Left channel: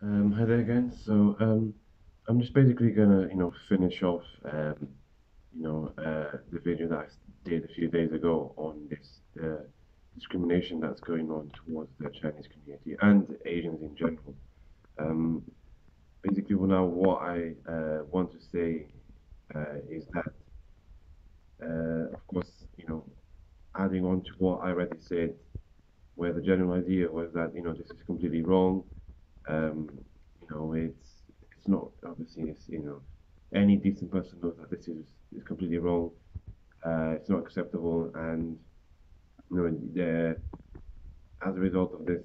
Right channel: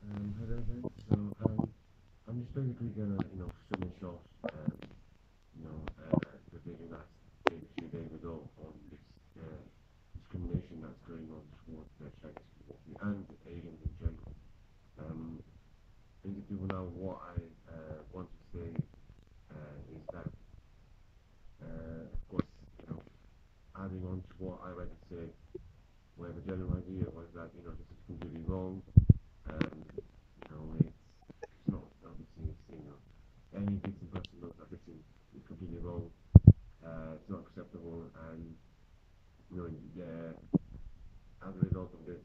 Hi there again. I'm just basically gonna, finish off, the video that I did a few days ago on this discrimination that's going on towards the Chinese community and Asians in general. Um, Basically, well, now what I want to say is that, of course, you know, adding on to what I already said, where the general idea was that, this is completely wrong. It's not obviously it's any decent person knows that this is completely wrong. It's not acceptable, and there as a result of this,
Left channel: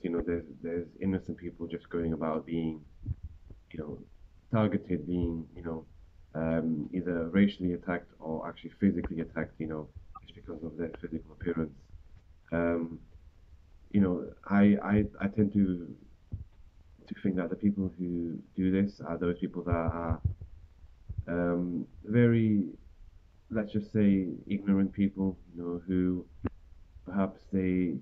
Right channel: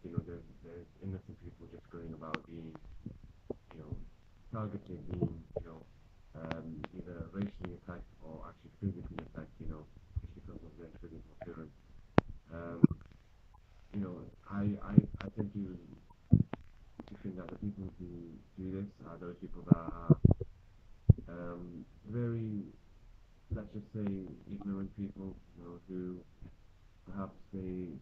there's innocent people just going about being you know targeted, being either racially attacked or actually physically attacked, just because of their physical appearance. Um, I tend to think that the people who do this are those people that are very, let's just say, ignorant people, who perhaps they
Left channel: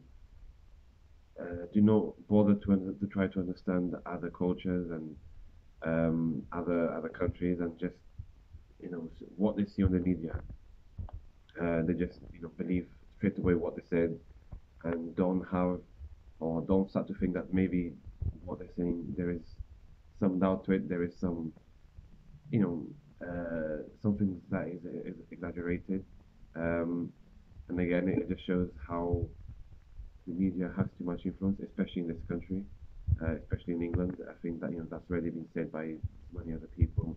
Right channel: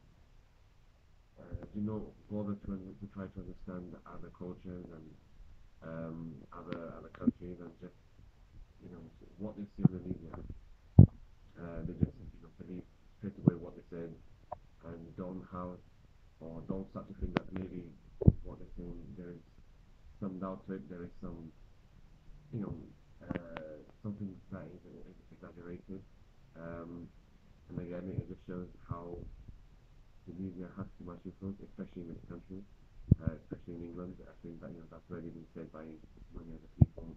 do not bother to try to understand other cultures and other countries, and just what they see on the media. They just believe straight away what they said, and don't have or don't start to think that maybe what they're saying there is some doubt to it. There is some you know something that is exaggerated. Um, and again, it just shows how the media has too much influence, especially in this country, especially in England. I think that that's already been said by many other people.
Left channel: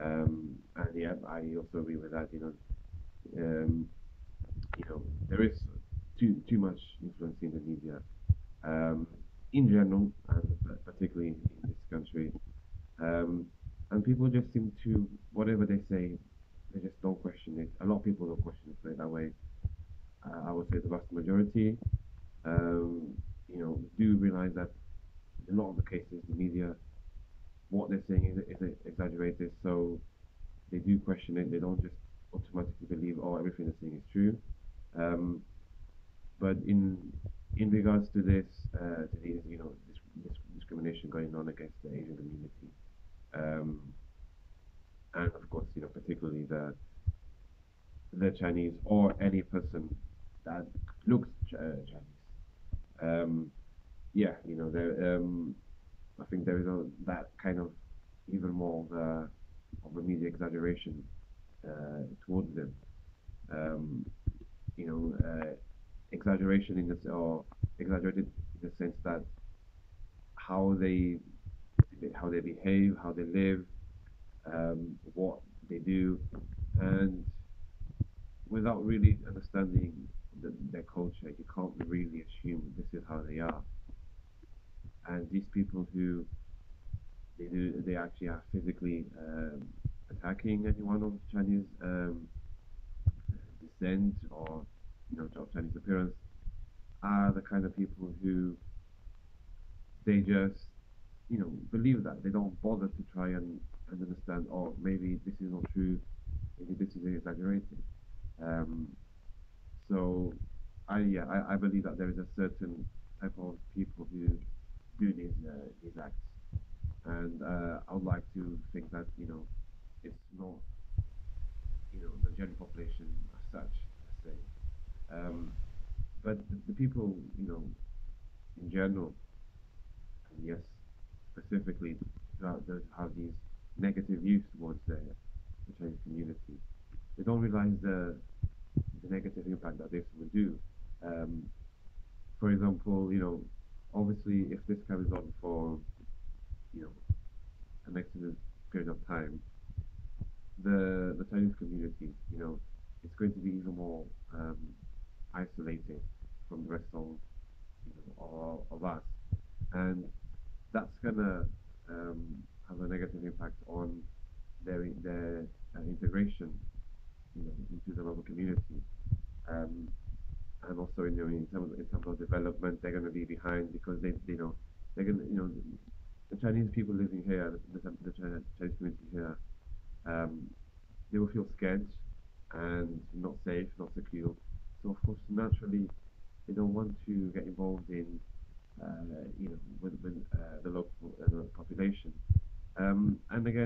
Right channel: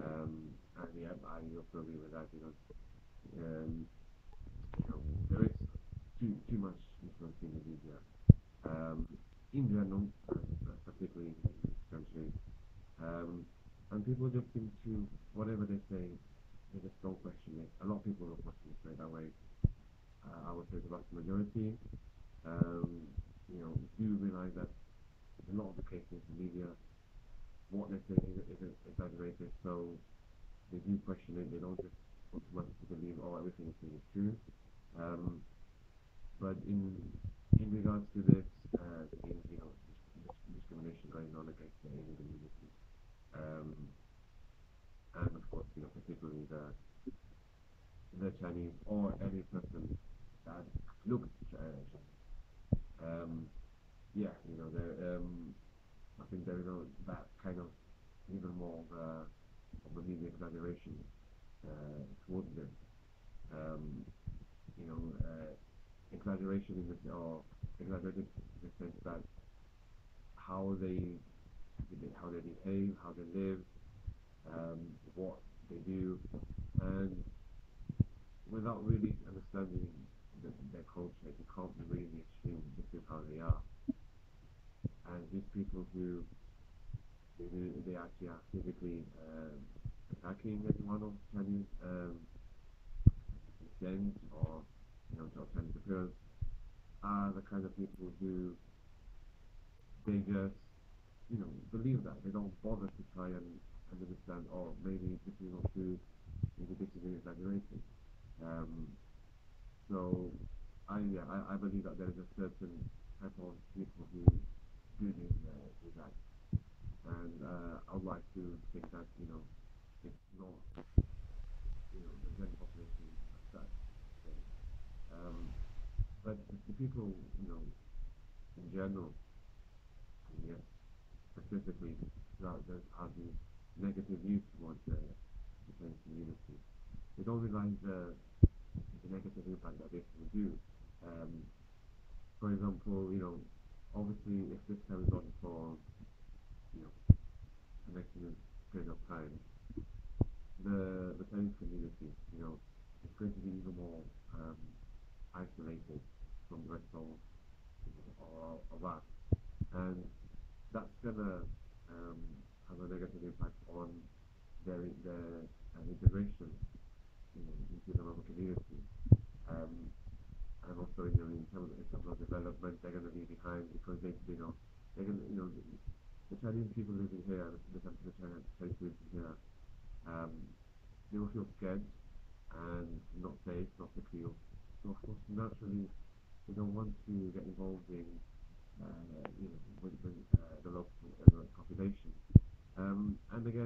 And yeah, I also agree with that. There is too much influence in the media, um, in general, and particularly in this country. Um, and people just seem to, whatever they say, they just don't question it. A lot of people don't question it straight away. I would say the vast majority, um, do realize that in a lot of the cases, the media, what they're saying is exaggerated. So they do question it. They don't just automatically believe, oh, everything they're saying is true. Um, but in regards to this, discrimination going on against the Asian community, um, and of course, particularly the Chinese or any person that looks Chinese. Yeah, I think there is that kind of even more of a media exaggeration towards them. Um, Exaggeration in this or exaggerated in the sense that how they behave, how they live, what they do, and without really understanding their culture, you can't really assume this is how they are. And these people who they actually are physically attacking anyone of Chinese descent or of Chinese appearance are the kind of people who they just believe that they don't bother to try and understand. Oh, maybe this is not true. Maybe this is exaggerated. Um, so I believe that there is a certain type of people who do these acts, and I would like to think that it's not the general population as such, let's say. Um, but the people in general, and yes, specifically that have these negative views towards the Chinese community, they don't realize the negative impact that this will do. Um, for example, obviously, if this carries on for you know an extended period of time, the Chinese community, it's going to be even more um, isolated from the rest of us, and that's gonna um, have a negative impact on their integration, into the local community. Um, and also in terms of development, they're going to be behind because they're going to the Chinese people living here, Chinese community here, um, they will feel scared and not safe, not secure. So of course, naturally, they don't want to get involved in with the local population.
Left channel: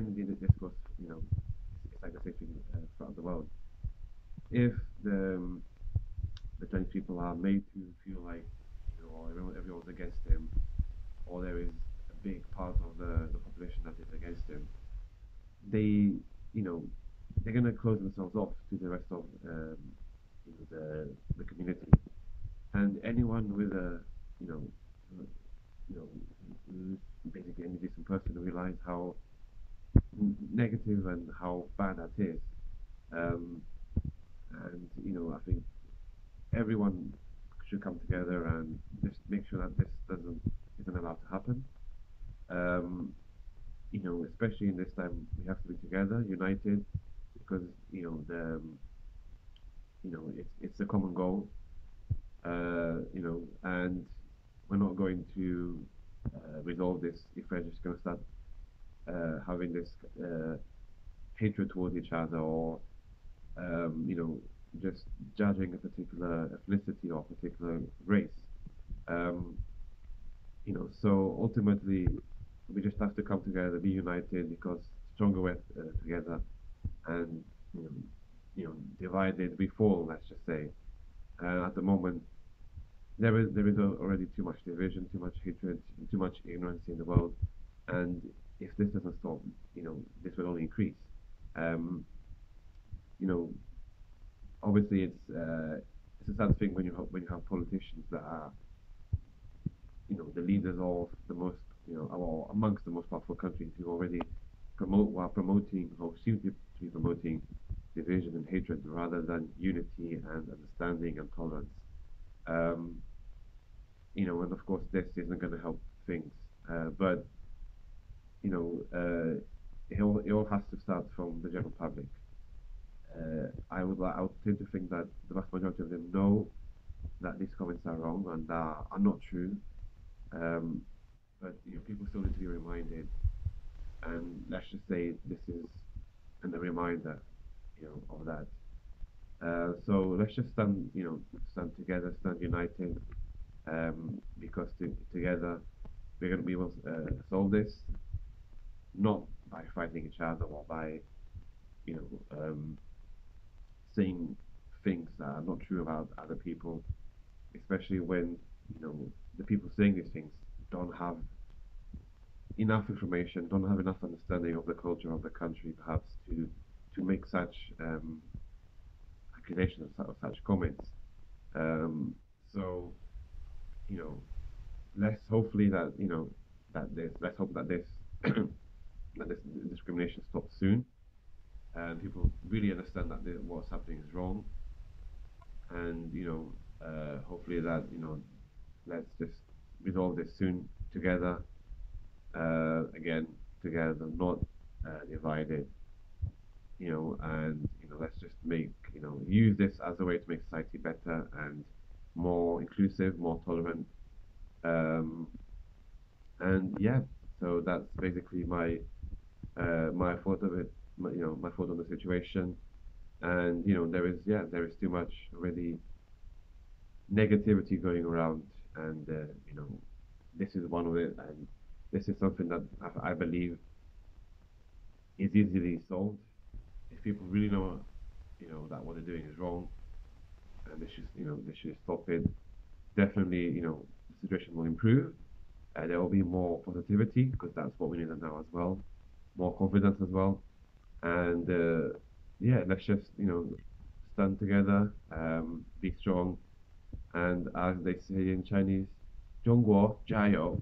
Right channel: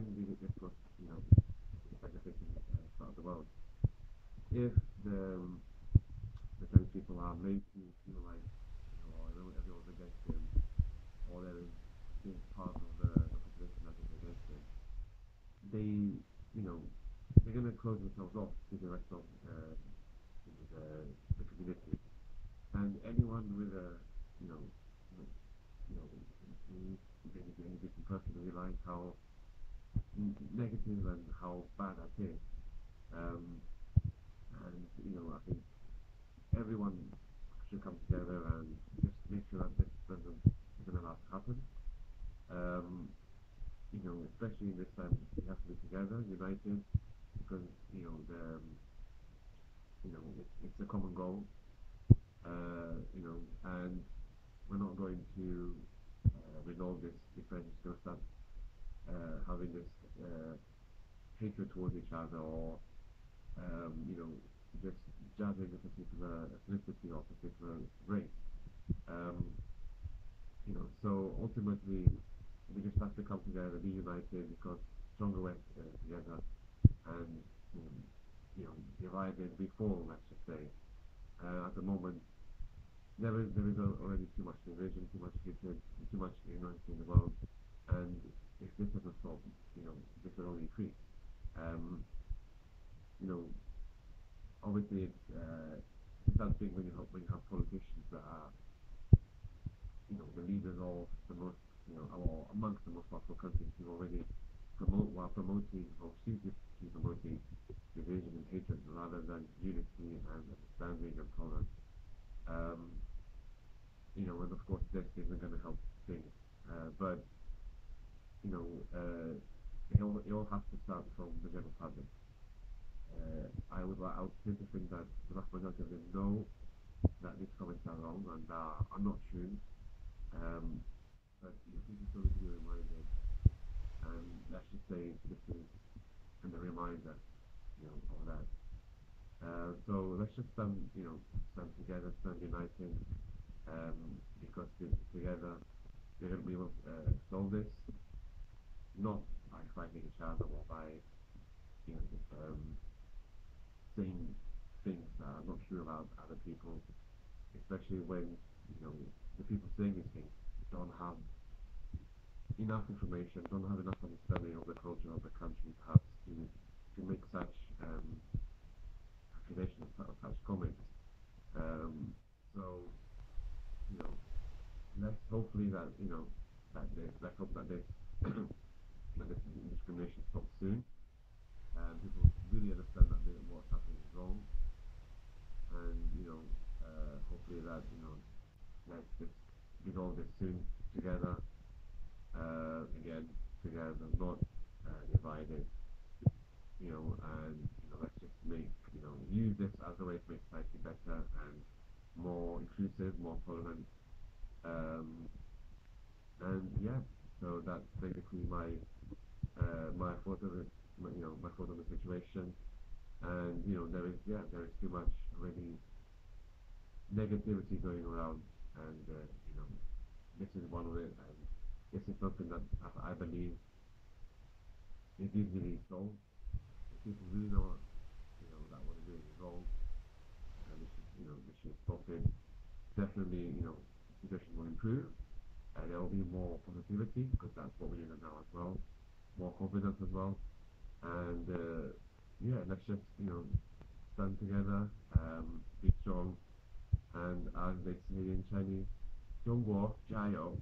again, this goes, it's like the same thing throughout the world. If the Chinese people are made to feel like, everyone's against him, or there is a big part of the population that is against him, they, you know, they're gonna close themselves off to the rest of the community, and anyone with a, you know, you know, basically any decent person realize how negative and how bad that is. Um, and I think everyone should come together and just make sure that this doesn't isn't allowed to happen. Um, Especially in this time, we have to be together, united, because it's a common goal. And we're not going to resolve this if we're just going to start having this hatred towards each other, or just judging a particular ethnicity or particular race. Um, so ultimately, we just have to come together, be united, because stronger we're together, and you know, divided we fall. Let's just say. At the moment, there is already too much division, too much hatred, too much ignorance in the world, and if this doesn't stop, this will only increase. Um, you know, Obviously, it's a sad thing when you have politicians that are the leaders of the most or amongst the most powerful countries who already while promoting or seem to be promoting division and hatred rather than unity and understanding and tolerance. Um, and of course this isn't going to help things, but it all has to start from the general public. I would tend to think that the vast majority of them know that these comments are wrong and are not true. Um, but people still need to be reminded, and let's just say this is a reminder, of that. So let's just stand together, stand united, because together we're going to be able to solve this, not by fighting each other or by you know saying things that are not true about other people, especially when you know the people saying these things don't have enough information, don't have enough understanding of the culture of the country, perhaps to make such accusations or such comments. Um, so you know, let's hopefully that let's hope that this that this discrimination stops soon, and people really understand that what's happening is wrong, and hopefully that let's just resolve this soon together, again together, not divided, and let's just make use this as a way to make society better and more inclusive, more tolerant, um, and yeah, so that's basically my thought of it, my thought on the situation, and there is too much already negativity going around, and this is one of it, and this is something that I believe is easily solved if people really know that what they're doing is wrong, and they should stop it. Definitely, the situation will improve. There will be more positivity because that's what we need now as well, more confidence as well, and yeah, let's just stand together, be strong, and as they say in Chinese, 中国加油.